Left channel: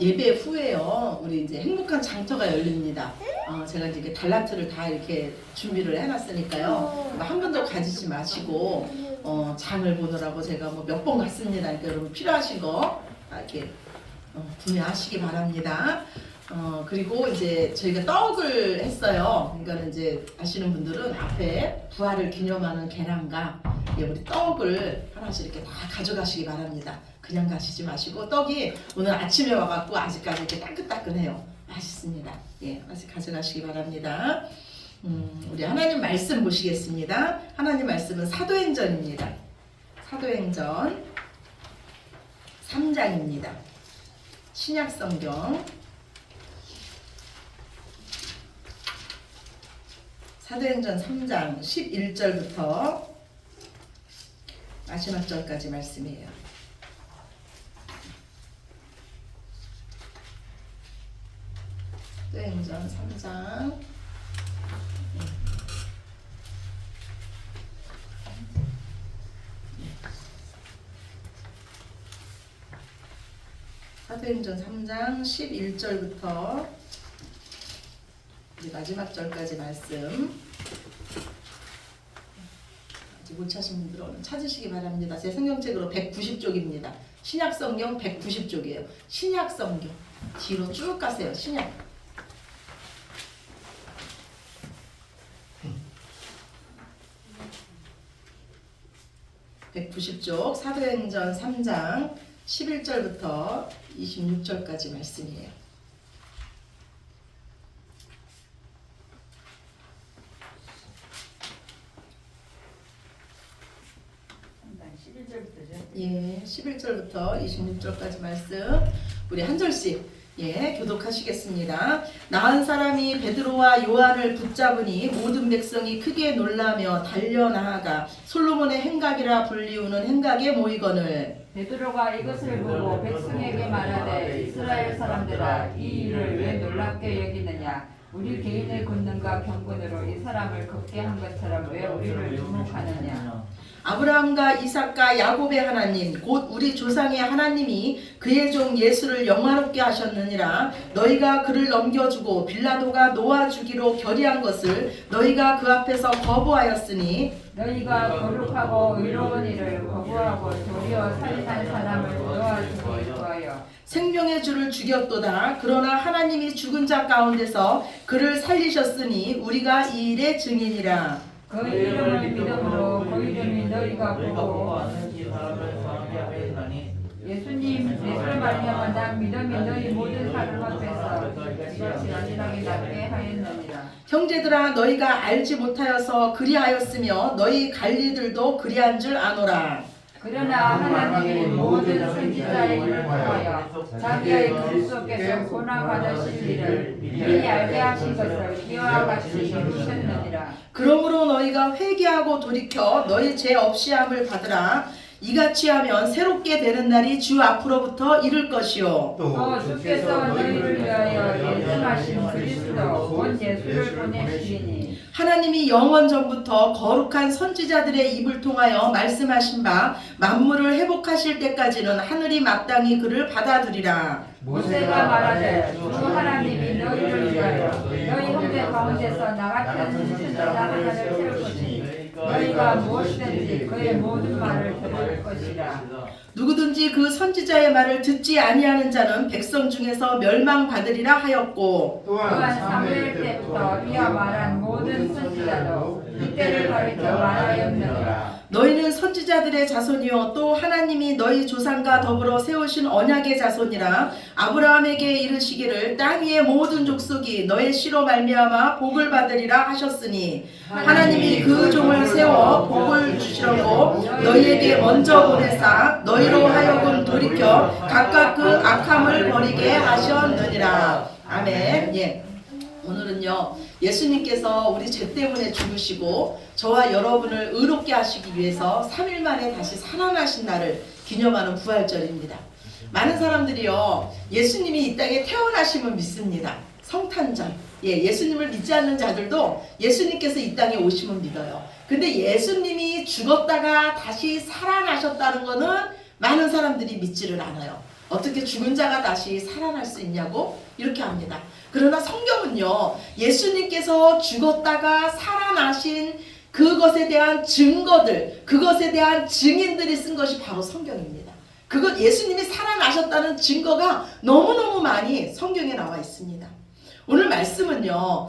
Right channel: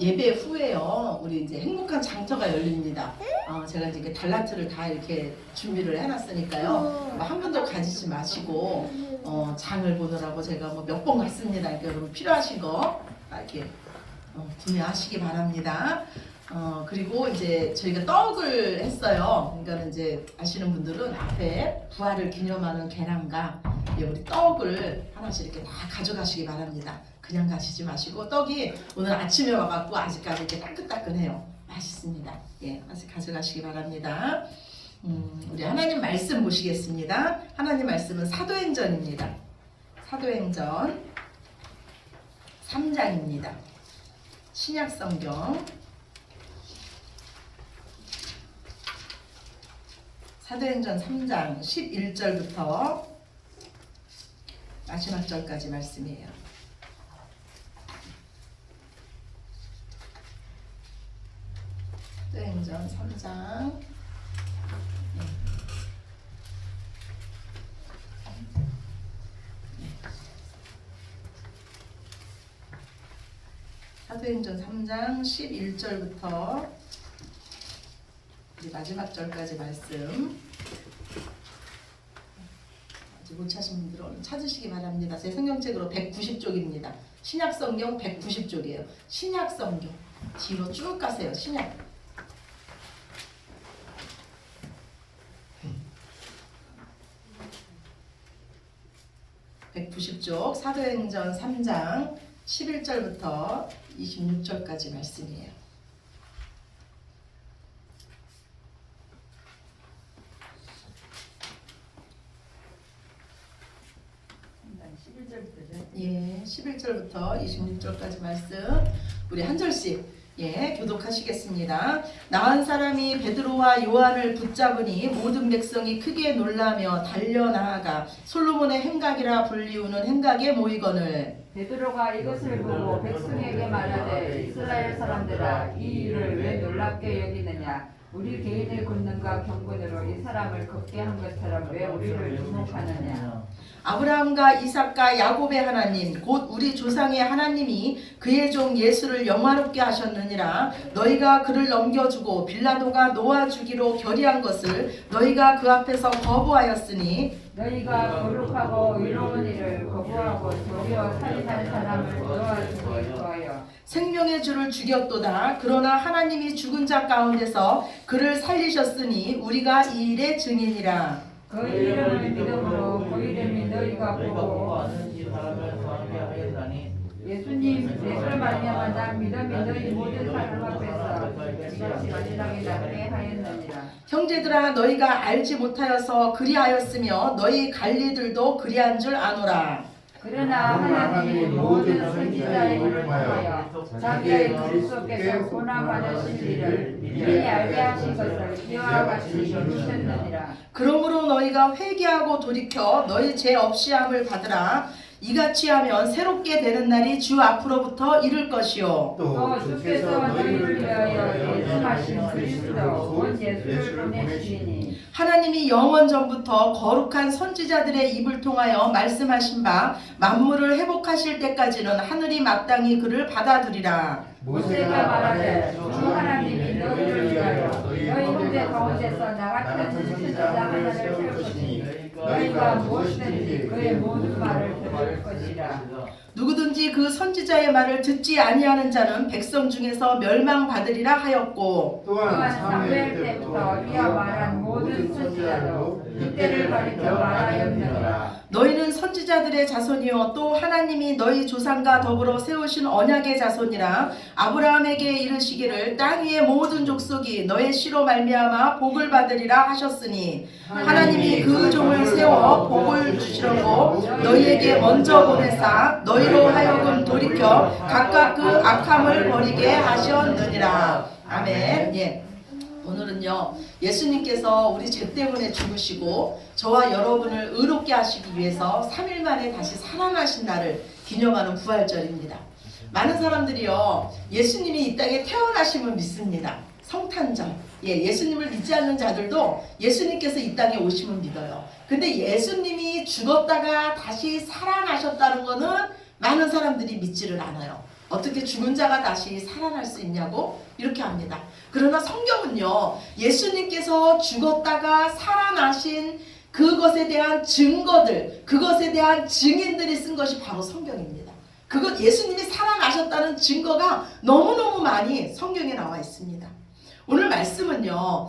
예배 후에요. 우리 이제 행복한 장터가 열립니다. 제가 이제 달라트를 다 이렇게 준비를 해놨으니까요. 한 번도 가지지 마시고 장을 보느라고 제가 뭐 몇 번 갔습니다. 그러니까 여러분 필요하신 거 이렇게 구매하시기 바랍니다. 그리고 이제 저희가 떡을 했어요. 그러니까 이제 아시는 분들은 앞에 부활을 기념하는 계란과 우리 떡을 하나씩 이렇게 다 가져가시기 바랍니다. 그냥 가시지 마시고 떡이 오늘 아침에 와갖고 아직까지 이렇게 따끈따끈해요. 맛있습니다. 예, 하나씩 가져가시기 바랍니다. 우리 하나님 말씀 보시겠습니다. 하나님 말씀은 사도행전입니다. 사도행전 3장입니다. 신약성경 사도행전 3장 11절부터 마지막 절까지 말씀이에요. 사도행전 3장 사도행전 3장 11절부터 마지막 절까지 말씀. 아직 못 찾으신 분들은 얼른 찾으시기 바랍니다. 제 성경책으로 190쪽입니다. 신약성경 190쪽이에요. 신약성경 뒤로 쭉 가세요. 신약 190쪽 사도행전 3장 11절부터 26절까지 말씀이에요. 예, 11절부터 26절까지 말씀 우리 한 절씩 교독하시겠습니다. 나은 사람이 베드로와 요한을 붙잡으니 모든 백성이 크게 놀라며 달려나아가 솔로몬의 행각이라 불리우는 행각에 모이거늘 베드로가 이것을 보고 백성에게 말하되 이스라엘 사람들아 이 일을 왜 놀랍게 여기느냐 우리 개인의 권능과 경건으로 이 사람을 걷게 한 것처럼 왜 우리를 주목하느냐 아브라함과 이삭과 야곱의 하나님 곧 우리 조상의 하나님이 그의 종 예수를 영화롭게 하셨느니라. 너희가 그를 넘겨주고 빌라도가 놓아주기로 결의한 것을 너희가 그 앞에서 거부하였으니 너희가 거룩하고 의로운 일을 거부하고 도리어 살인한 사람을 놓아주기 구하여 생명의 주를 죽였도다. 그러나 하나님이 죽은 자 가운데서 그를 살리셨으니 우리가 이 일의 증인이라. 그 이름을 믿음으로 그 이름이 너희가 보고 예수를 말미암아 믿음이 너희 모든 삶 앞에서 이것이 완전하게 낫게 하였느니라. 형제들아 너희가 알지 못하여서 그리하였으며 너희 관리들도 그리한 줄 아노라. 그러나 하나님이 모든 선지자의 일을 통하여 자기의 그리스도께서 고난받으신 일을 미리 알게 하신 것을 이와 같이 이루셨느니라. 그러므로 너희가 회개하고 돌이켜 너희 죄 없이 함을 받으라. 이같이 하면 새롭게 되는 날이 주 앞으로부터 이를 것이요 또 주께서 너희를 위하여 예정하신 그리스도 곧 예수를 보내시리니 하나님이 영원 전부터 거룩한 선지자들의 입을 통하여 말씀하신 바 만물을 회복하실 때까지는 하늘이 마땅히 그를 받아들이라. 모세가 말하되 주 하나님이 너희를 위하여 너희 형제 가운데서 나 같은 선지자 하나를 세울 것이니 너희가 무엇이든지 그의 모든 말을 들을 것이라. 누구든지 그 선지자의 말을 듣지 아니하는 자는 백성 중에서 멸망받으리라 하였고 또한 사무엘 때부터 이와 말한 모든 선지자도 그때를 가리켜 말하였느니라. 너희는 선지자들의 자손이요 또 하나님이 너희 조상과 더불어 세우신 언약의 자손이라. 아브라함에게 이르시기를 땅 위의 모든 족속이 너의 씨로 말미암아 복을 받으리라 하셨으니 하나님이 그 종을 세워 복을 주시려고 너희에게 먼저 보내사 너희로 하여금 돌이켜 각각 그 악함을 버리게 하셨느니라. 아멘. 오늘은요 예수님께서 우리 죄 때문에 죽으시고 저와 여러분을 의롭게 하시기 위해서 3일 만에 다시 살아나신 날을 기념하는 부활절입니다. 많은 사람들이요 예수님이 이 땅에 태어나심을 믿습니다. 성탄절 예수님을 믿지 않는 자들도 예수님께서 이 땅에 오심을 믿어요. 근데 예수님이 죽었다가 다시 살아나셨다는 거는 많은 사람들이 믿지를 않아요. 어떻게 죽은 자가 다시 살아날 수 있냐고 이렇게 합니다. 그러나 성경은요, 예수님께서 죽었다가 살아나신 그것에 대한 증거들, 그것에 대한 증인들이 쓴 것이 바로 성경입니다. 그것 예수님이 살아나셨다는 증거가 너무너무 많이 성경에 나와 있습니다. 오늘 말씀은요,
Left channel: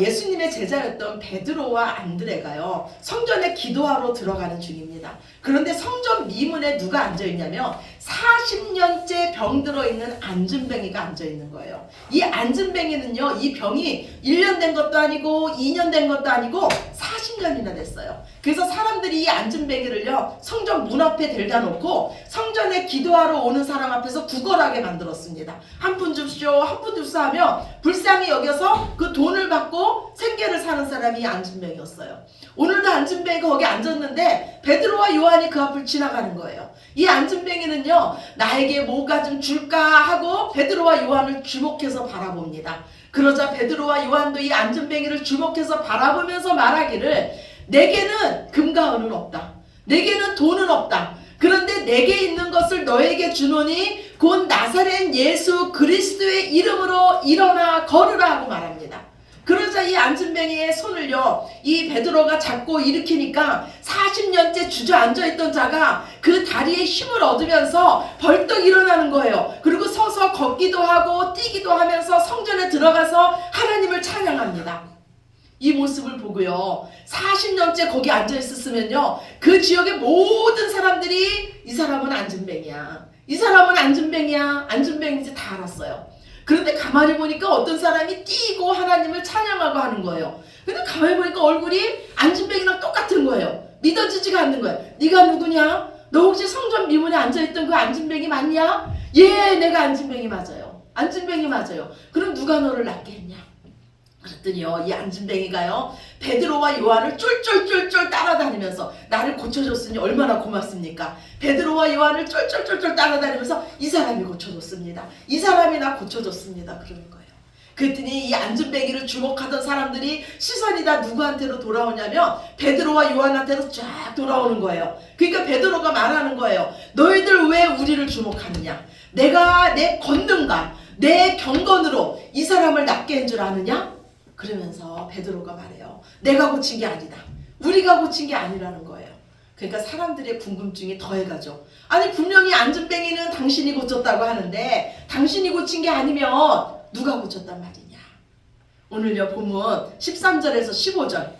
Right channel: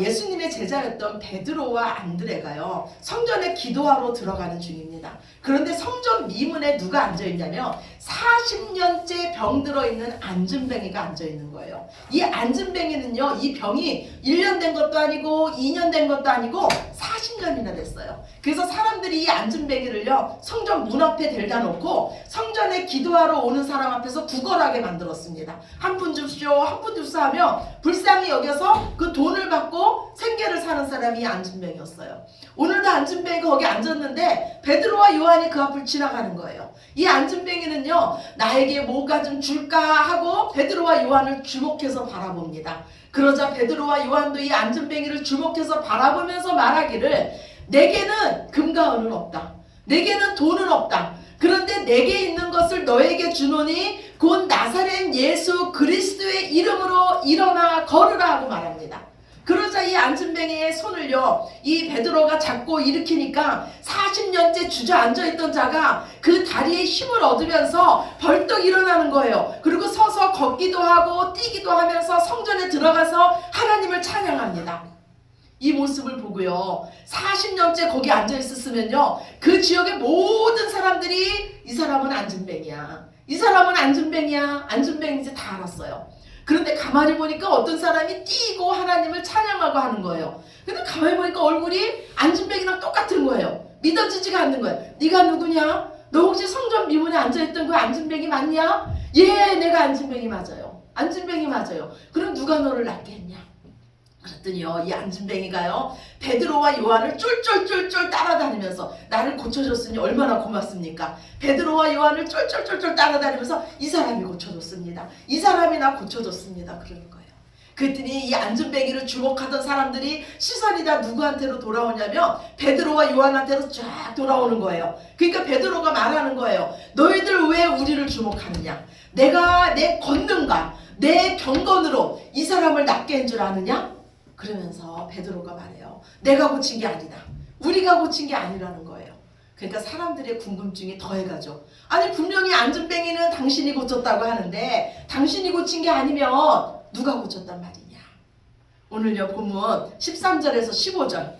예수님의 제자였던 베드로와 안드레가요, 성전에 기도하러 들어가는 중입니다. 그런데 성전 미문에 누가 앉아있냐면 40년째 병들어 있는 안진뱅이가 앉아있는 거예요. 이 안진뱅이는요, 이 병이 1년 된 것도 아니고 2년 된 것도 아니고 40년이나 됐어요. 그래서 사람들이 이 안진뱅이를요, 성전 문 앞에 데려다 놓고 성전에 기도하러 오는 사람 앞에서 구걸하게 만들었습니다. 한 푼 줍시오, 한 푼 줍시오 하면 불쌍히 여겨서 그 돈을 받고 생계를 사는 사람이 안진뱅이였어요. 오늘도 안진뱅이가 거기 앉았는데 베드로와 요한이 그 앞을 지나가는 거예요. 이 안진뱅이는요, 나에게 뭐가 좀 줄까 하고 베드로와 요한을 주목해서 바라봅니다. 그러자 베드로와 요한도 이 안진뱅이를 주목해서 바라보면서 말하기를, 내게는 금과 은은 없다. 내게는 돈은 없다. 그런데 내게 있는 것을 너에게 주노니 곧 나사렛 예수 그리스도의 이름으로 일어나 걸으라 하고 말합니다. 그러자 이 안진뱅이의 손을요, 이 베드로가 잡고 일으키니까 40년째 주저앉아있던 자가 그 다리에 힘을 얻으면서 벌떡 일어나는 거예요. 그리고 서서 걷기도 하고 뛰기도 하면서 성전에 들어가서 하나님을 찬양합니다. 이 모습을 보고요, 40년째 거기 앉아있었으면요, 그 지역의 모든 사람들이 이 사람은 안진뱅이야, 이 사람은 안진뱅이야, 안진뱅인지 다 알았어요. 그런데 가만히 보니까 어떤 사람이 뛰고 하나님을 찬양하고 하는 거예요. 근데 가만히 보니까 얼굴이 안진뱅이랑 똑같은 거예요. 믿어지지가 않는 거예요. 네가 누구냐? 너 혹시 성전 미문에 앉아있던 그 안진뱅이 맞냐? 예, 내가 안진뱅이 맞아요. 안진뱅이 맞아요. 그럼 누가 너를 낫게 했냐? 그랬더니요, 이 안진뱅이가요, 베드로와 요한을 쫄쫄쫄쫄 따라다니면서, 나를 고쳐줬으니 얼마나 고맙습니까? 베드로와 요한을 쫄쫄쫄쫄 따라다니면서 이 사람이 고쳐줬습니다. 이 사람이 나 고쳐줬습니다. 그러는 거예요. 그랬더니 이 안진뱅이를 주목하던 사람들이 시선이 다 누구한테로 돌아오냐면 베드로와 요한한테로 쫙 돌아오는 거예요. 그러니까 베드로가 말하는 거예요. 너희들 왜 우리를 주목하느냐? 내가 내 권능과 내 경건으로 이 사람을 낫게 한 줄 아느냐? 그러면서 베드로가 말해요. 내가 고친 게 아니다. 우리가 고친 게 아니라는 거예요. 그러니까 사람들의 궁금증이 더해가죠. 아니 분명히 안진뱅이는 당신이 고쳤다고 하는데 당신이 고친 게 아니면 누가 고쳤단 말이냐. 오늘요 본문 13절에서 15절,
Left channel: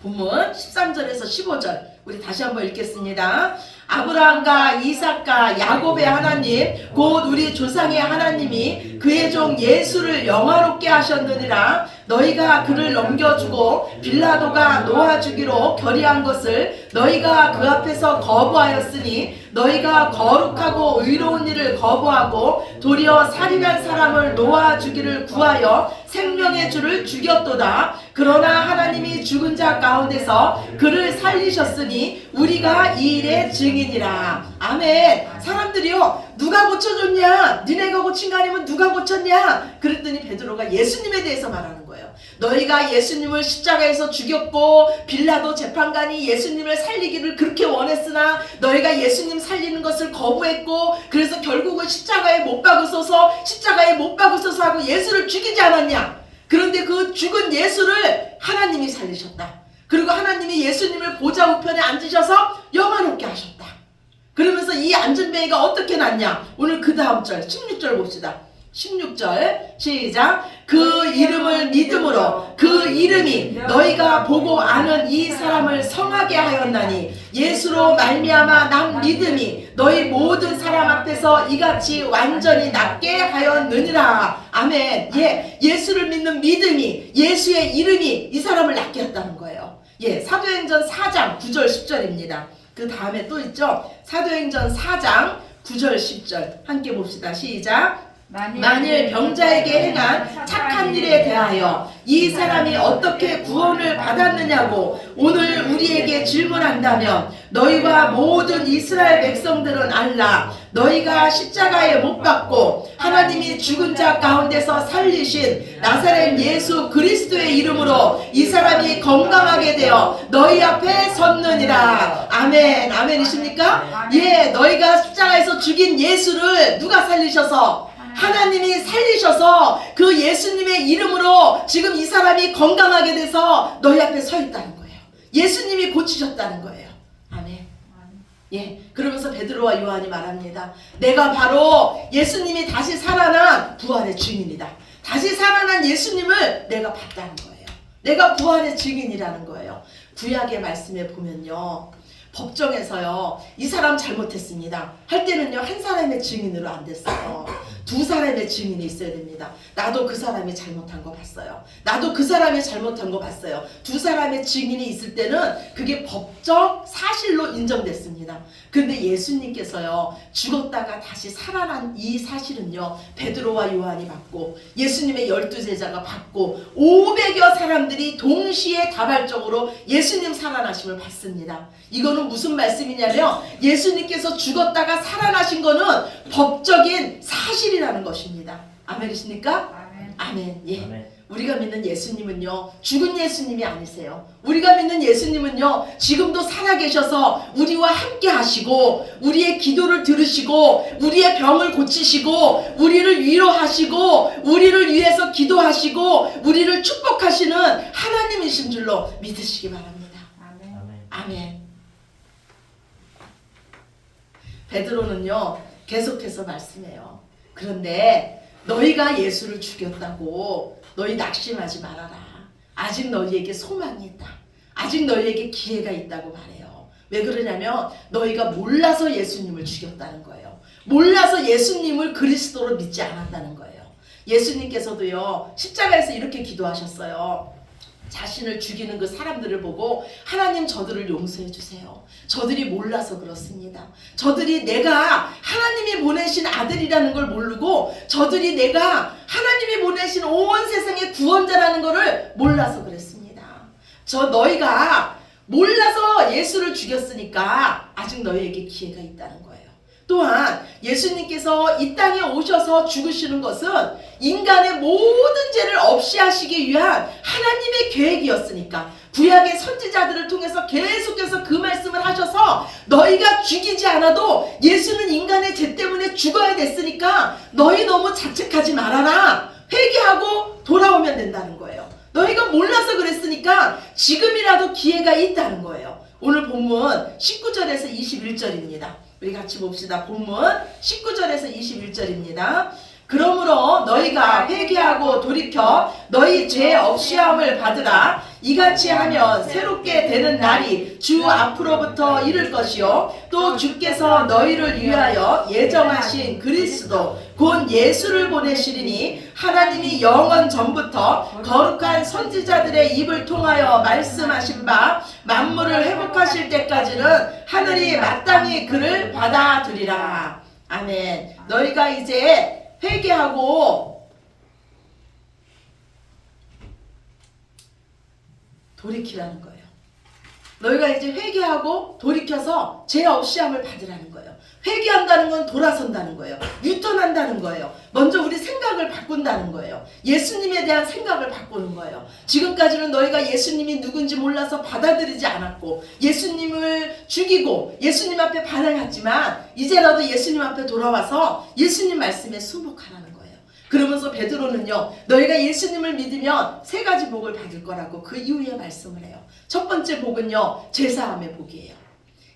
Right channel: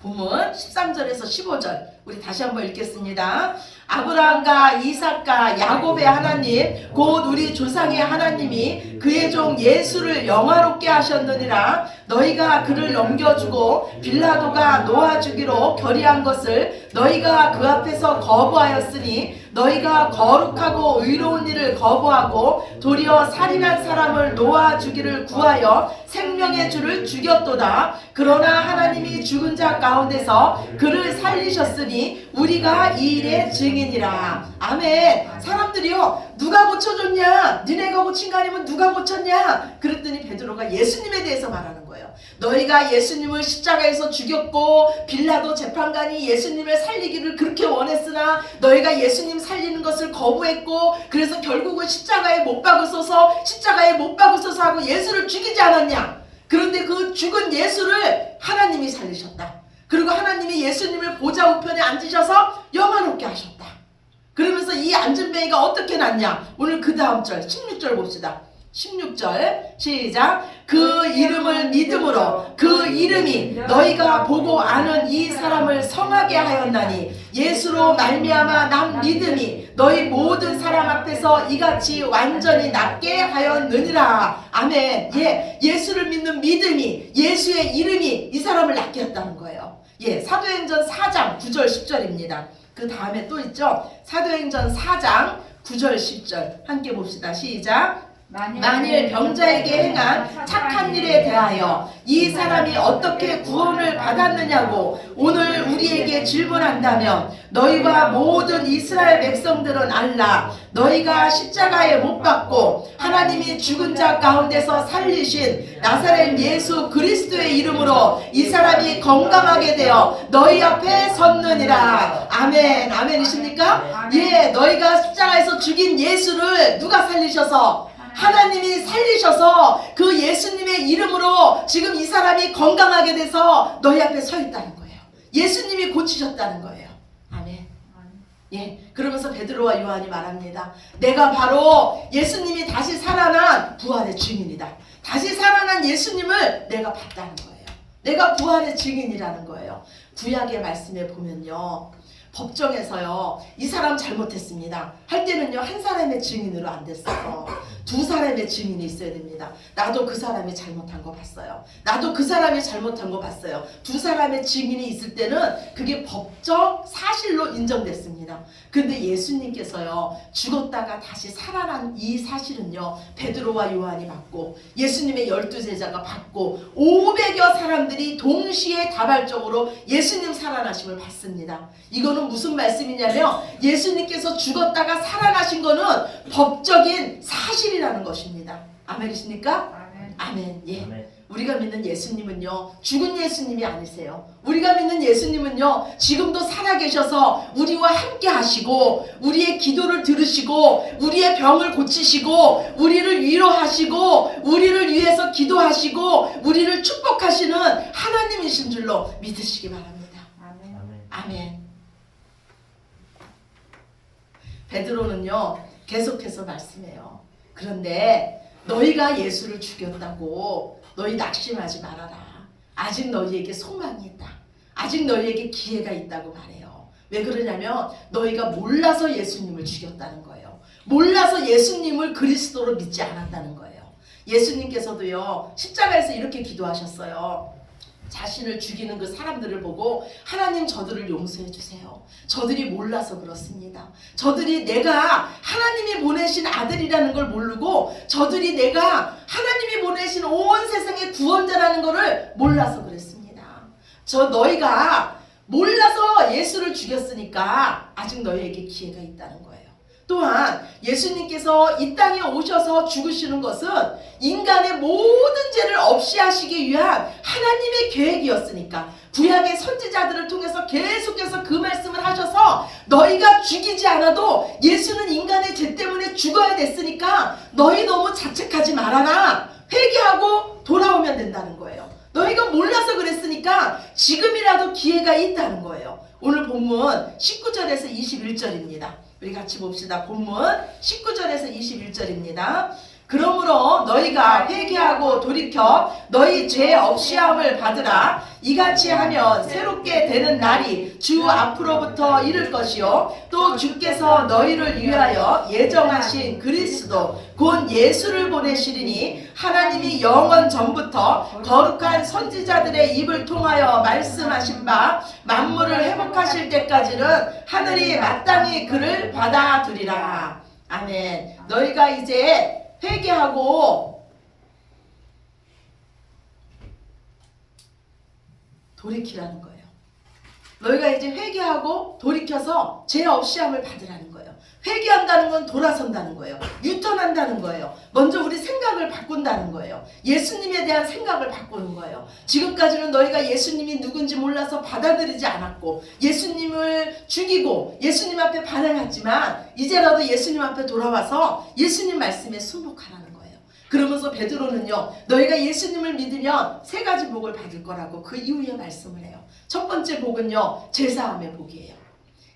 본문 13절에서 15절 우리 다시 한번 읽겠습니다. 아브라함과 이삭과 야곱의 하나님 곧 우리 조상의 하나님이 그의 종 예수를 영화롭게 하셨느니라. 너희가 그를 넘겨주고 빌라도가 놓아주기로 결의한 것을 너희가 그 앞에서 거부하였으니 너희가 거룩하고 의로운 일을 거부하고 도리어 살인한 사람을 놓아주기를 구하여 생명의 주를 죽였도다. 그러나 하나님이 죽은 자 가운데서 그를 살리셨으니 우리가 이 일의 증인이라. 아멘. 사람들이요, 누가 고쳐줬냐? 니네가 고친 거 아니면 누가 고쳤냐? 그랬더니 베드로가 예수님에 대해서 말하는 거예요. 너희가 예수님을 십자가에서 죽였고 빌라도 재판관이 예수님을 살리기를 그렇게 원했으나 너희가 예수님 살리는 것을 거부했고 그래서 결국은 십자가에 못 박으소서 하고 예수를 죽이지 않았냐? 그런데 그 죽은 예수를 하나님이 살리셨다. 그리고 하나님이 예수님을 보좌 우편에 앉으셔서 영화롭게 하셨다. 그러면서 이 안진뱅이가 어떻게 났냐? 오늘 그 다음 절 16절 봅시다. 16절 시작. 그 이름을 믿음으로 그 이름이 너희가 보고 아는 이 사람을 성하게 하였나니 예수로 말미암아 난 믿음이 너희 모든 사람 앞에서 이같이 완전히 낫게 하였느니라. 아멘. 예, 예수를 믿는 믿음이, 예수의 이름이 이 사람을 낫게 했다는 거예요. 예, 사도행전 4장 9절 10절입니다. 그 다음에 또 있죠. 사도행전 4장 9절 10절 함께 봅시다. 시작. 만일 병자에게 행한 착한 일에 대하여 이 사람이 어떻게 구원을 받았느냐고 오늘 우리에게 질문한다면 너희와 모든 이스라엘 백성들은 알라. 너희가 십자가에 못 박고 하나님이 죽은 자 가운데서 살리신 나사렛 예수 그리스도의 이름으로 이 사람이 건강하게 되어 너희 앞에 섰느니라. 아멘. 아멘이십니까? 예, 너희가 십자가에서 죽인 예수를 누가 살리셔서? 하나님이 살리셔서 그 예수님의 이름으로 지금 이 사람이 건강하게 돼서 너희 앞에 서 있다는 거예요. 예수님이 고치셨다는 거예요. 아멘. 예, 그러면서 베드로와 요한이 말합니다. 내가 바로 예수님이 다시 살아난 부활의 증인이다. 다시 살아난 예수님을 내가 봤다는 거예요. 내가 부활의 증인이라는 거예요. 구약의 말씀에 보면요, 법정에서요, 이 사람 잘못했습니다 할 때는요, 한 사람의 증인으로 안 됐어요. 두 사람의 증인이 있어야 됩니다. 나도 그 사람이 잘못한 거 봤어요. 나도 그 사람이 잘못한 거 봤어요. 두 사람의 증인이 있을 때는 그게 법적 사실로 인정됐습니다. 근데 예수님께서요, 죽었다가 다시 살아난 이 사실은요, 베드로와 요한이 받고 예수님의 12제자가 받고 500여 사람들이 동시에 다발적으로 예수님 살아나심을 받습니다. 이거는 무슨 말씀이냐면 예수님께서 죽었다가 살아나신 거는 법적인 사실이라는 것입니다. 아멘이십니까? 아멘. 아멘. 예. 아멘. 우리가 믿는 예수님은요, 죽은 예수님이 아니세요. 우리가 믿는 예수님은요, 지금도 살아계셔서 우리와 함께 하시고 우리의 기도를 들으시고 우리의 병을 고치시고 우리를 위로하시고 우리를 위해서 기도하시고 우리를 축복하시는 하나님이신 줄로 믿으시기 바랍니다. 아멘. 아멘. 아멘. 베드로는요, 계속해서 말씀해요. 그런데 너희가 예수를 죽였다고 너희 낙심하지 말아라. 아직 너희에게 소망이 있다. 아직 너희에게 기회가 있다고 말해요. 왜 그러냐면 너희가 몰라서 예수님을 죽였다는 거예요. 몰라서 예수님을 그리스도로 믿지 않았다는 거예요. 예수님께서도요, 십자가에서 이렇게 기도하셨어요. 자신을 죽이는 그 사람들을 보고 하나님, 저들을 용서해 주세요. 저들이 몰라서 그렇습니다. 저들이 내가 하나님이 보내신 아들이라는 걸 모르고 저들이 내가 하나님이 보내신 온 세상의 구원자라는 것을 몰라서 그랬습니다. 너희가 몰라서 예수를 죽였으니까 아직 너희에게 기회가 있다는 거예요. 또한 예수님께서 이 땅에 오셔서 죽으시는 것은 인간의 모든 죄를 없이 하시기 위한 하나님의 계획이었으니까 구약의 선지자들을 통해서 계속해서 그 말씀을 하셔서 너희가 죽이지 않아도 예수는 인간의 죄 때문에 죽어야 됐으니까 너희 너무 자책하지 말아라. 회개하고 돌아오면 된다는 거예요. 너희가 몰라서 그랬으니까 지금이라도 기회가 있다는 거예요. 오늘 본문 19절에서 21절입니다. 우리 같이 봅시다. 본문 19절에서 21절입니다. 그러므로 너희가 회개하고 돌이켜 너희 죄 없이함을 받으라. 이같이 하면 새롭게 되는 날이 주 앞으로부터 이를 것이요 또 주께서 너희를 위하여 예정하신 그리스도 곧 예수를 보내시리니 하나님이 영원 전부터 거룩한 선지자들의 입을 통하여 말씀하신 바 만물을 회복하실 때까지는 하늘이 마땅히 그를 받아들이라. 아멘. 너희가 이제 회개하고 돌이키라는 거예요. 너희가 이제 회개하고 돌이켜서 죄 없이함을 받으라는 거예요. 회개한다는 건 돌아선다는 거예요. 유턴한다는 거예요. 먼저 우리 생각을 바꾼다는 거예요. 예수님에 대한 생각을 바꾸는 거예요. 지금까지는 너희가 예수님이 누군지 몰라서 받아들이지 않았고 예수님을 죽이고 예수님 앞에 반항했지만 이제라도 예수님 앞에 돌아와서 예수님 말씀에 순복하라는 거예요. 그러면서 베드로는요, 너희가 예수님을 믿으면 세 가지 복을 받을 거라고 그 이후에 말씀을 해요. 첫 번째 복은요, 제사함의 복이에요.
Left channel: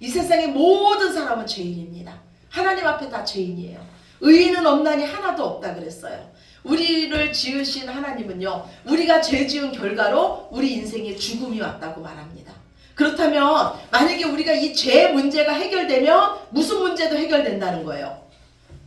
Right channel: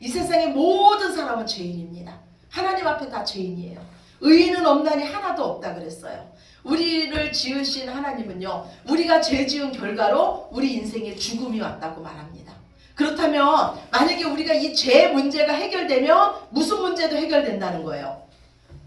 이 세상의 모든 사람은 죄인입니다. 하나님 앞에 다 죄인이에요. 의인은 없나니 하나도 없다 그랬어요. 우리를 지으신 하나님은요, 우리가 죄 지은 결과로 우리 인생에 죽음이 왔다고 말합니다. 그렇다면 만약에 우리가 이 죄 문제가 해결되면 무슨 문제도 해결된다는 거예요.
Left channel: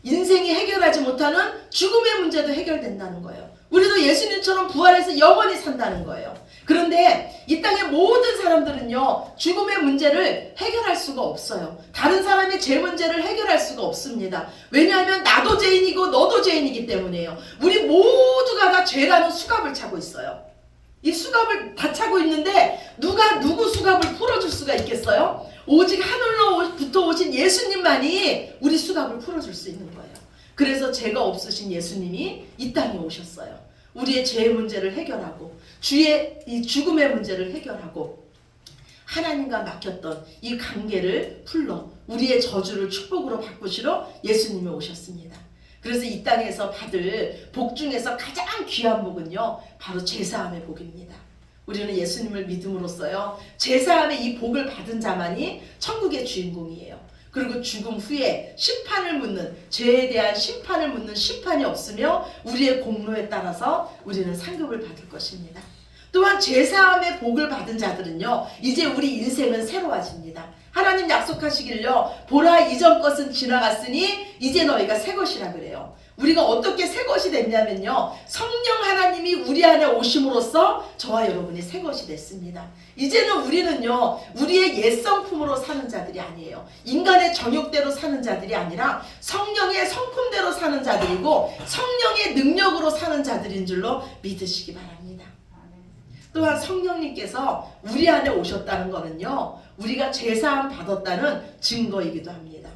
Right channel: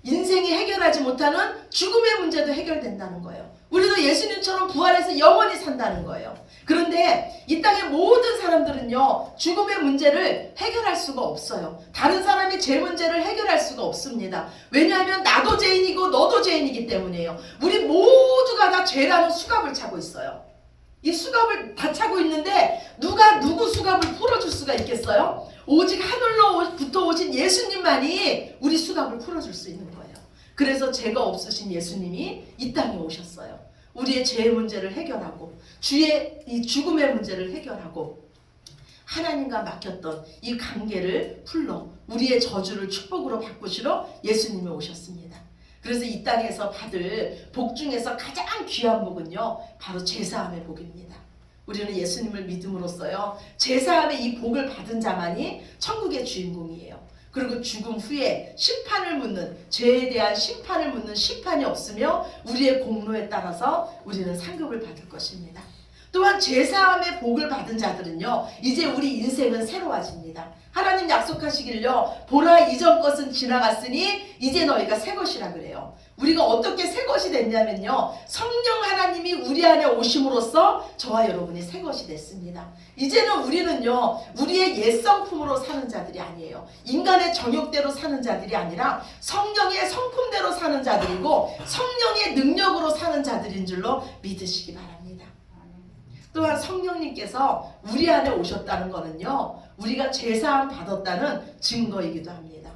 인생이 해결하지 못하는 죽음의 문제도 해결된다는 거예요. 우리도 예수님처럼 부활해서 영원히 산다는 거예요. 그런데 이 땅의 모든 사람들은요, 죽음의 문제를 해결할 수가 없어요. 다른 사람의 죄 문제를 해결할 수가 없습니다. 왜냐하면 나도 죄인이고 너도 죄인이기 때문이에요. 우리 모두가 다 죄라는 수갑을 차고 있어요. 이 수갑을 다 차고 있는데 누가 누구 수갑을 풀어줄 수가 있겠어요? 오직 하늘로부터 오신 예수님만이 우리 수갑을 풀어줄 수 있는 거예요. 그래서 죄가 없으신 예수님이 이 땅에 오셨어요. 우리의 죄의 문제를 해결하고 주의 이 죽음의 문제를 해결하고 하나님과 막혔던 이 관계를 풀러 우리의 저주를 축복으로 바꾸시러 예수님이 오셨습니다. 그래서 이 땅에서 받을 복 중에서 가장 귀한 복은요, 바로 제사함의 복입니다. 우리는 예수님을 믿음으로써요, 제사함의 이 복을 받은 자만이 천국의 주인공이에요. 그리고 죽음 후에 심판을 묻는, 죄에 대한 심판을 묻는 심판이 없으며 우리의 공로에 따라서 우리는 상급을 받을 것입니다. 또한 제사함의 복을 받은 자들은요, 이제 우리 인생은 새로워집니다. 하나님 약속하시길요, 보라 이전 것은 지나갔으니 이제 너희가 새 것이라 그래요. 우리가 어떻게 새 것이 됐냐면요, 성령 하나님이 우리 안에 오심으로써 저와 여러분이 새 것이 됐습니다. 이제는 우리는요, 우리의 옛 성품으로 사는 자들이 아니에요. 인간의 정욕대로 사는 자들이 아니라 성령의 성품대로 사는 자들이고 성령의 능력으로 사는 자들인 줄로 믿으시기 바랍니다. 또한 성령님께서 우리 안에 오셨다는 것은요, 우리가 죄사함 받았다는 증거이기도 합니다.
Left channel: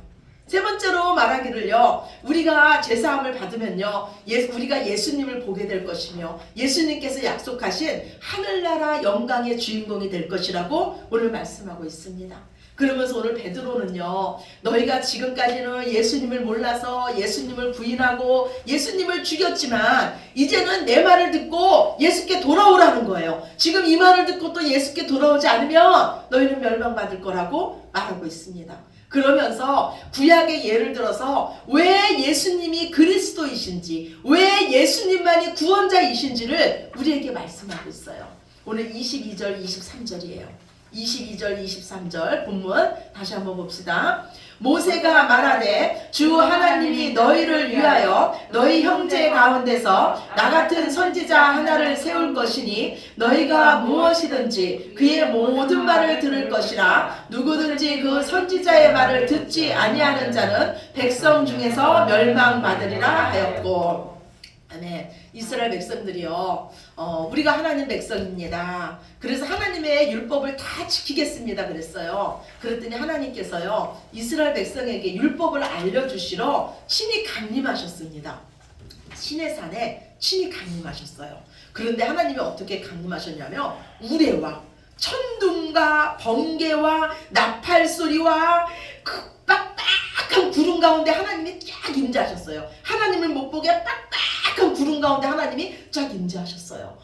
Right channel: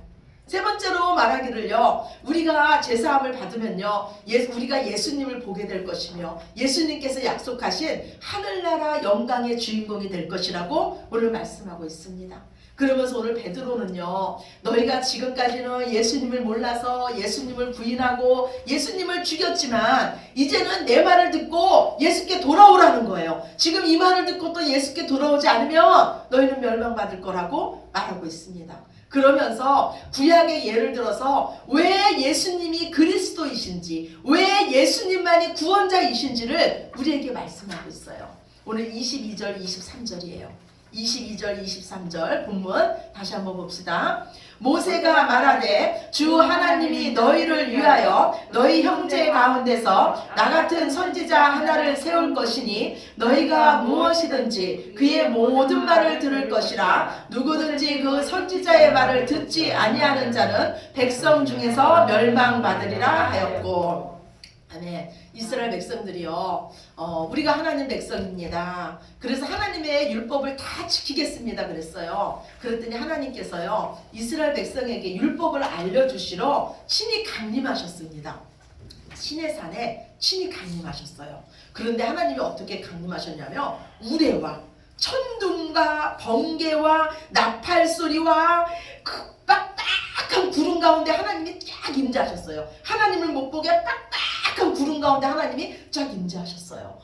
세 번째로 말하기를요, 우리가 제사함을 받으면요, 우리가 예수님을 보게 될 것이며 예수님께서 약속하신 하늘나라 영광의 주인공이 될 것이라고 오늘 말씀하고 있습니다. 그러면서 오늘 베드로는요, 너희가 지금까지는 예수님을 몰라서 예수님을 부인하고 예수님을 죽였지만 이제는 내 말을 듣고 예수께 돌아오라는 거예요. 지금 이 말을 듣고 또 예수께 돌아오지 않으면 너희는 멸망받을 거라고 말하고 있습니다. 그러면서 구약의 예를 들어서 왜 예수님이 그리스도이신지, 왜 예수님만이 구원자이신지를 우리에게 말씀하고 있어요. 오늘 22절 23절이에요. 22절 23절 본문 다시 한번 봅시다. 모세가 말하되 주 하나님이 너희를 위하여 너희 형제 가운데서 나 같은 선지자 하나를 세울 것이니 너희가 무엇이든지 그의 모든 말을 들을 것이라. 누구든지 그 선지자의 말을 듣지 아니하는 자는 백성 중에서 멸망받으리라 하였고. 아멘. 이스라엘 백성들이요, 우리가 하나님 백성입니다. 그래서 하나님의 율법을 다 지키겠습니다 그랬어요. 그랬더니 하나님께서요, 이스라엘 백성에게 율법을 알려주시러 친히 강림하셨습니다. 시내산에 친히 강림하셨어요. 그런데 하나님이 어떻게 강림하셨냐면 우레와 천둥과 번개와 나팔 소리와 그 빡빡한 구름 가운데 하나님이 쫙 임재하셨어요. 하나님을 못 보게 빡빡한 구름 가운데 하나님이 쫙 임재하셨어요.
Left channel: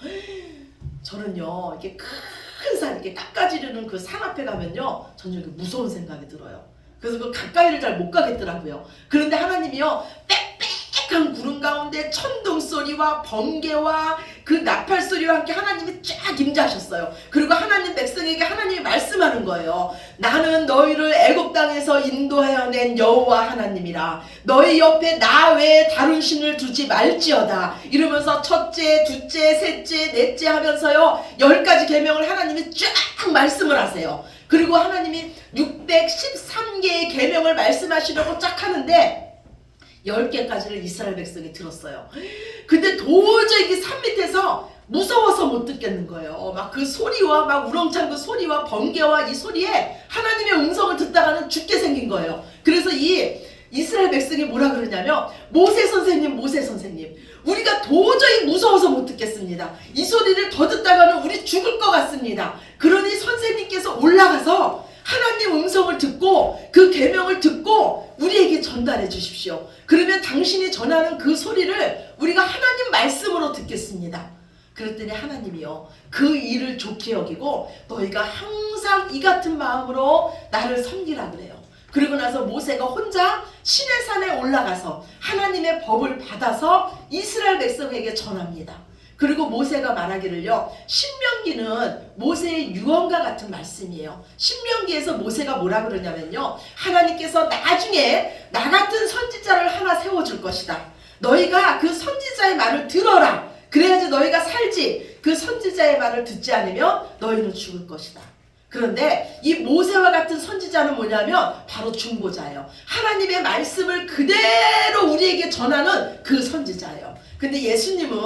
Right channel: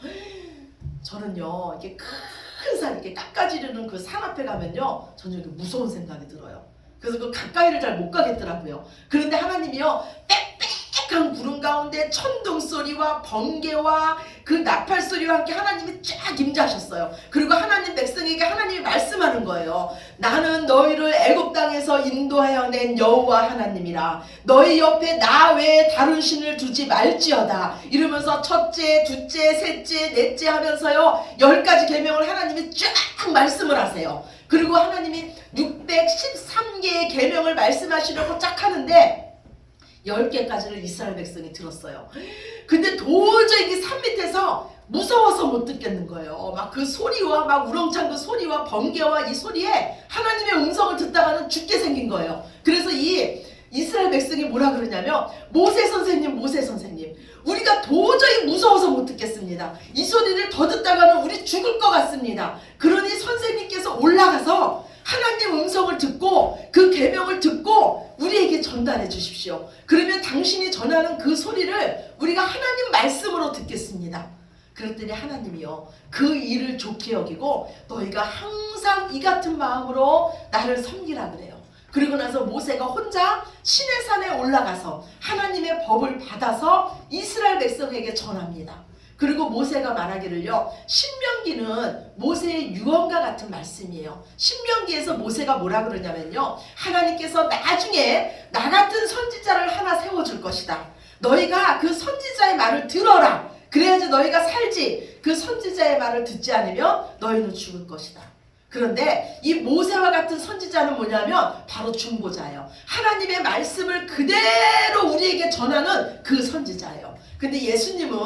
저는요, 이렇게 큰 산, 이렇게 깎아지르는 그 산 앞에 가면요, 저는 이렇게 무서운 생각이 들어요. 그래서 그 가까이를 잘 못 가겠더라고요. 그런데 하나님이요, 빽빽한 구름 가운데 천둥 소리와 번개와 그 나팔 소리와 함께 하나님이 쫙 임재하셨어요. 그리고 하나님 백성에게 하나님이 말씀하는 거예요. 나는 너희를 애굽 땅에서 인도하여 낸 여호와 하나님이라. 너희 옆에 나 외에 다른 신을 두지 말지어다. 이러면서 첫째, 둘째, 셋째, 넷째 하면서요, 10가지 계명을 하나님이 쫙 말씀을 하세요. 그리고 하나님이 613개의 계명을 말씀하시려고 쫙 하는데 10개까지를 이스라엘 백성이 들었어요. 근데 도저히 이 산 밑에서 무서워서 못 듣겠는 거예요. 막 그 소리와 막 우렁찬 그 소리와 번개와 이 소리에 하나님의 음성을 듣다가는 죽게 생긴 거예요. 그래서 이 이스라엘 백성이 뭐라 그러냐면 모세 선생님 우리가 도저히 무서워서 못 듣겠습니다. 이 소리를 더 듣다가는 우리 죽을 것 같습니다. 그러니 선생님께서 올라가서 하나님 음성을 듣고 그 계명을 듣고 우리에게 전달해 주십시오. 그러면 당신이 전하는 그 소리를 우리가 하나님 말씀으로 듣겠습니다. 그랬더니 하나님이요, 그 일을 좋게 여기고 너희가 항상 이 같은 마음으로 나를 섬기라 그래요. 그리고 나서 모세가 혼자 시내산에 올라가서 하나님의 법을 받아서 이스라엘 백성에게 전합니다. 그리고 모세가 말하기를요, 신명기는 모세의 유언과 같은 말씀이에요. 신명기에서 모세가 뭐라 그러냐면요, 하나님께서 나중에 나 같은 선지자를 하나 세워줄 것이다. 너희가 그 선지자의 말을 들어라. 그래야지 너희가 살지. 그 선지자의 말을 듣지 않으면 너희는 죽을 것이다. 그런데 이 모세와 같은 선지자는 뭐냐면 바로 중보자예요. 하나님의 말씀을 그대로 우리에게 전하는 그 선지자예요. 근데 예수님은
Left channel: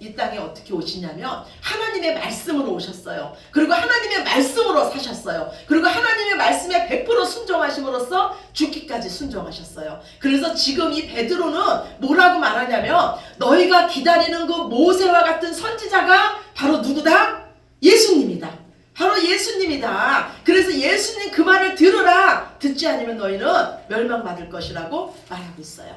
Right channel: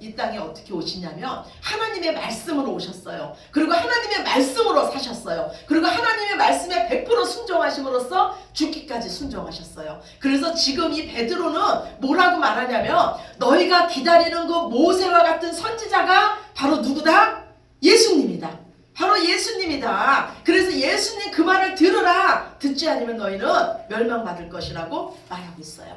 이 땅에 어떻게 오시냐면 하나님의 말씀으로 오셨어요. 그리고 하나님의 말씀으로 사셨어요. 그리고 하나님의 말씀에 100% 순종하심으로써 죽기까지 순종하셨어요. 그래서 지금 이 베드로는 뭐라고 말하냐면 너희가 기다리는 그 모세와 같은 선지자가 바로 누구다? 예수님이다. 바로 예수님이다. 그래서 예수님 그 말을 들으라. 듣지 않으면 너희는 멸망받을 것이라고 말하고 있어요.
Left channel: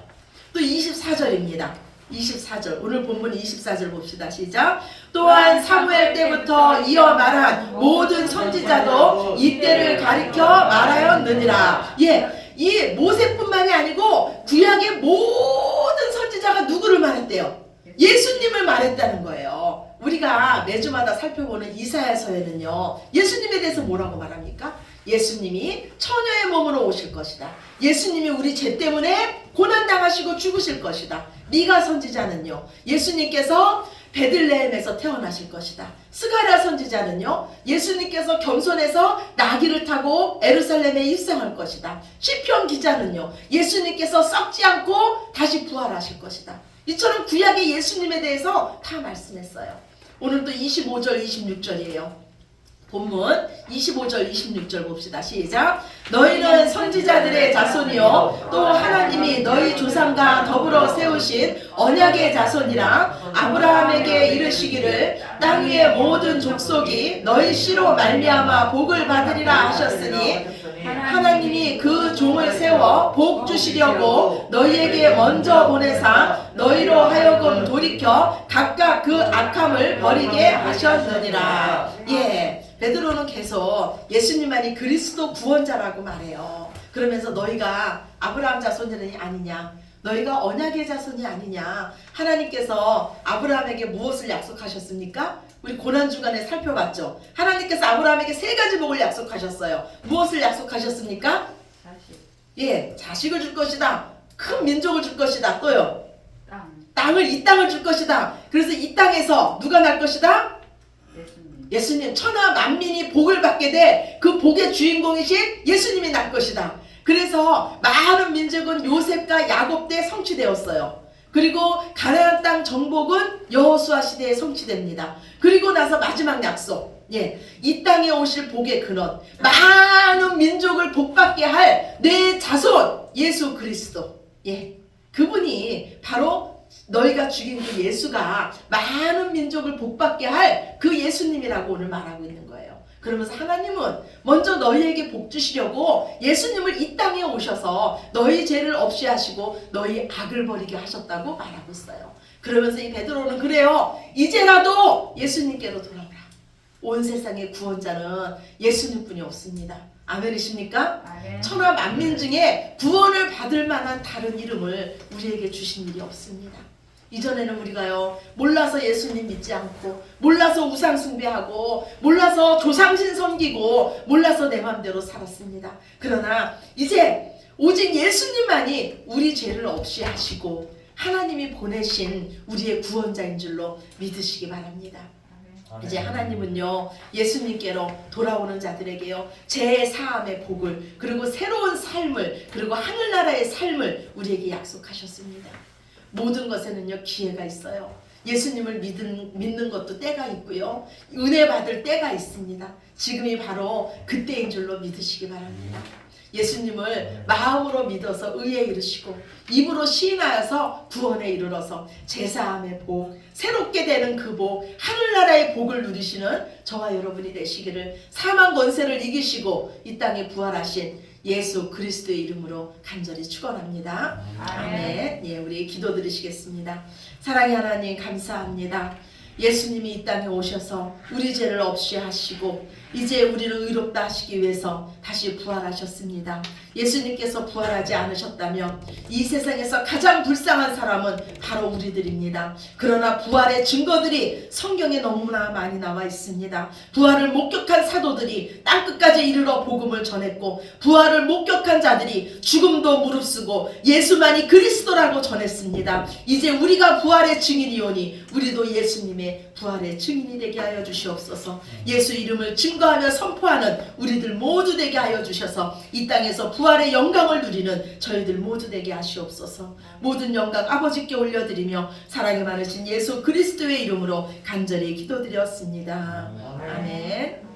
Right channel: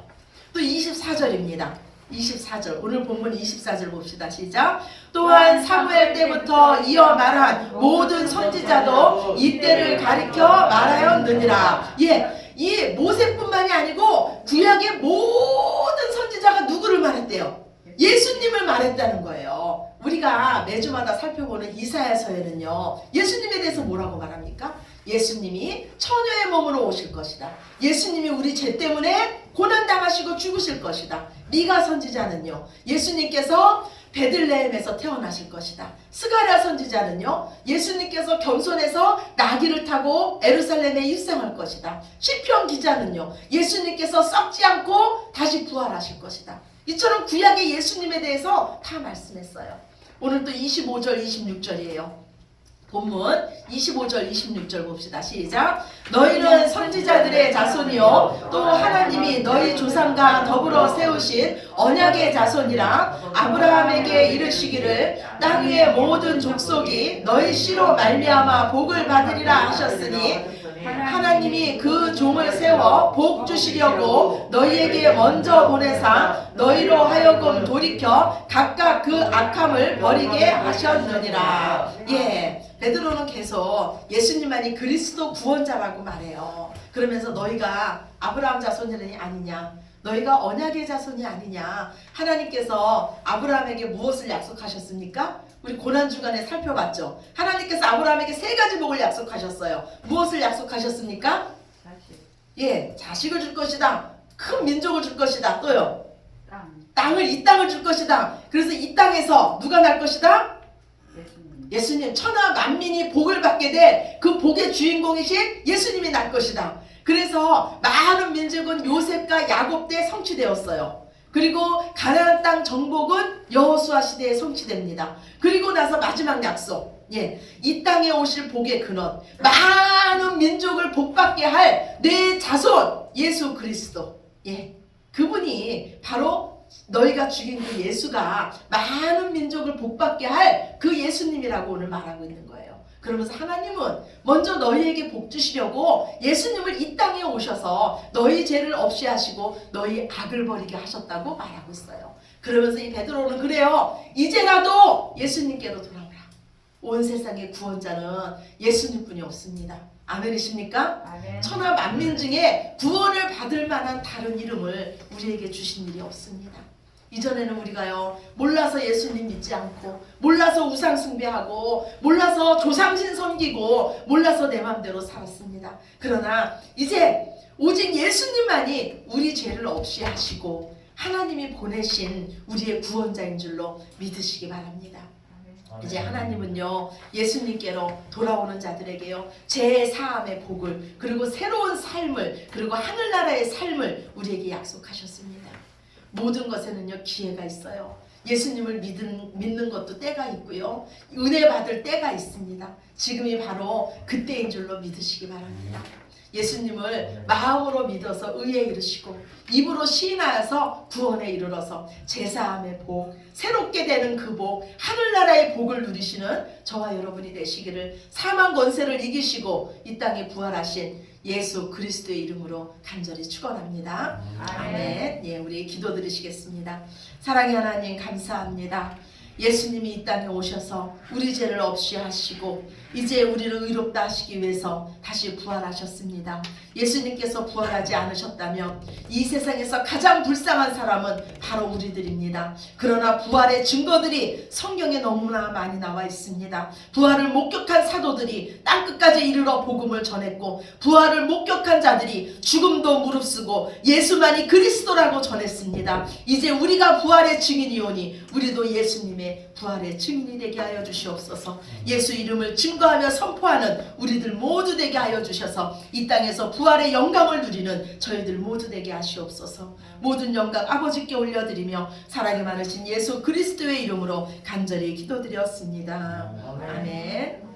또 24절입니다. 24절 오늘 본문 24절 봅시다. 시작. 또한 사무엘 때부터 이어 말한 모든 선지자도 이때를 가리켜 말하였느니라. 예, 이 모세뿐만이 아니고 구약의 모든 선지자가 누구를 말했대요? 예수님을 말했다는 거예요. 우리가 매주마다 살펴보는 이사야서에는요, 예수님에 대해서 뭐라고 말합니까? 예수님이 처녀의 몸으로 오실 것이다. 예수님이 우리 죄 때문에 고난당하시고 죽으실 것이다. 미가 선지자는요, 예수님께서 베들레헴에서 태어나실 것이다. 스가랴 선지자는요, 예수님께서 겸손해서 나귀를 타고 에루살렘에 입성할 것이다. 시편 기자는요, 예수님께서 썩지 않고 다시 부활하실 것이다. 이처럼 구약의 예수님에 대해서 다 말씀했어요. 오늘 또 25절 26절이에요. 본문 25절 26절 봅시다. 시작. 너희는 선지자들의 자손이요 또 하나님이 너희 조상과 더불어 세우신 언약의 자손이라 아브라함에게 이르시기를 땅 위의 모든 족속이 너희 씨로 말미암아 복을 받으리라 하셨으니 하나님이 그 종을 세워 복 주시려고 너희에게 먼저 보내사 너희로 하여금 돌이켜 각각 그 악함을 버리게 하셨느니라. 예, 베드로는 계속 예수님만이 그리스도 구원자라고 말해요. 그러면서 너희가 아브라함 자손이 아니냐, 너희가 언약의 자손이 아니냐. 하나님께서 아브라함에게 무엇을 약속하셨습니까? 우리 고난주간에 살펴봤죠. 하나님께서 아브라함에게 3가지 복을 약속하셨어요. 무엇을 약속하셨습니까? 자식. 예, 자식을 줄 것이다. 큰 민족을 줄 것이다. 또요, 땅. 이 땅을 줄 것이다. 그래서 이 땅에서 누가 날 것이다? 예수님. 예수님, 천하 만민이 복을 받게 될 그 복의 주인공이신 예수님이 날 것이다. 그래서 많은 민족은 요셉과 야곱 때 성취되었어요. 그리고 가나안 땅 정복은 여호수아 시대에 성취됩니다. 그리고 나서 마지막 약속, 예, 이 땅에 오실 복의 근원, 많은 민족을 복받게 할 내 자손 예수 그리스도, 예, 그분이 바로 너희가 죽인 그 예수가 많은 민족을 복받게 할 그 예수님이라고 오늘 말하고 있는 거예요. 그러면서 하나님은 먼저 너희에게 복 주시려고 예수님을 이 땅에 오셔서 너희 죄를 없이 하시고 너희 악을 버리게 하셨다고 말하고 있어요. 그러면서 이 베드로는 그래요. 이제라도 예수님께로 돌아오라. 온 세상의 구원자는 예수님뿐이 없습니다. 아멘이십니까? 아멘. 천하 만민 중에 구원을 받을 만한 다른 이름을 우리에게 주신 일이 없습니다. 이전에는 우리가요, 몰라서 예수님 믿지 않고, 몰라서 우상 숭배하고, 몰라서 조상신 섬기고, 몰라서 내 맘대로 살았습니다. 그러나 이제 오직 예수님만이 우리 죄를 없이 하시고 하나님이 보내신 우리의 구원자인 줄로 믿으시기 바랍니다. 이제 하나님은요, 예수님께로 돌아오는 자들에게요, 제 사함의 복을, 그리고 새로운 삶을, 그리고 하늘나라의 삶을 우리에게 약속하셨습니다. 모든 것에는요, 기회가 있어요. 예수님을 믿는 것도 때가 있고요, 은혜 받을 때가 있습니다. 지금이 바로 그때인 줄로 믿으시기 바랍니다. 예수님을 마음으로 믿어서 의에 이르시고 입으로 시인하여서 구원에 이르러서 제사함의 복, 새롭게 되는 그 복, 하늘나라의 복을 누리시는 저와 여러분이 되시기를 사망 권세를 이기시고 이 땅에 부활하신 예수 그리스도의 이름으로 간절히 축원합니다. 아멘. 예, 우리 기도 드리시겠습니다. 사랑의 하나님, 감사합니다. 예수님이 이 땅에 오셔서 우리 죄를 없이 하시고 이제 우리를 의롭다 하시기 위해서 다시 부활하셨습니다. 예수님께서 부활하지 않으셨다면 이 세상에서 가장 불쌍한 사람은 바로 우리들입니다. 그러나 부활의 증거들이 성경에 너무나 많이 나와 있습니다. 부활을 목격한 사도들이 땅끝까지 이르러 복음을 전했고, 부활을 목격한 자들이 죽음도 무릅쓰고 예수만이 그리스도라고 전했습니다. 이제 우리가 부활의 증인이오니 우리도 예수님의 부활의 증인이 되게 하여 주시옵소서. 예수 이름을 증거 증거하며 선포하는 우리들 모두 되게 하여 주셔서 이 땅에서 부활의 영광을 누리는 저희들 모두 되게 하시옵소서. 모든 영광 아버지께 올려드리며 사랑이 많으신 예수 그리스도의 이름으로 간절히 기도드렸습니다. 아멘.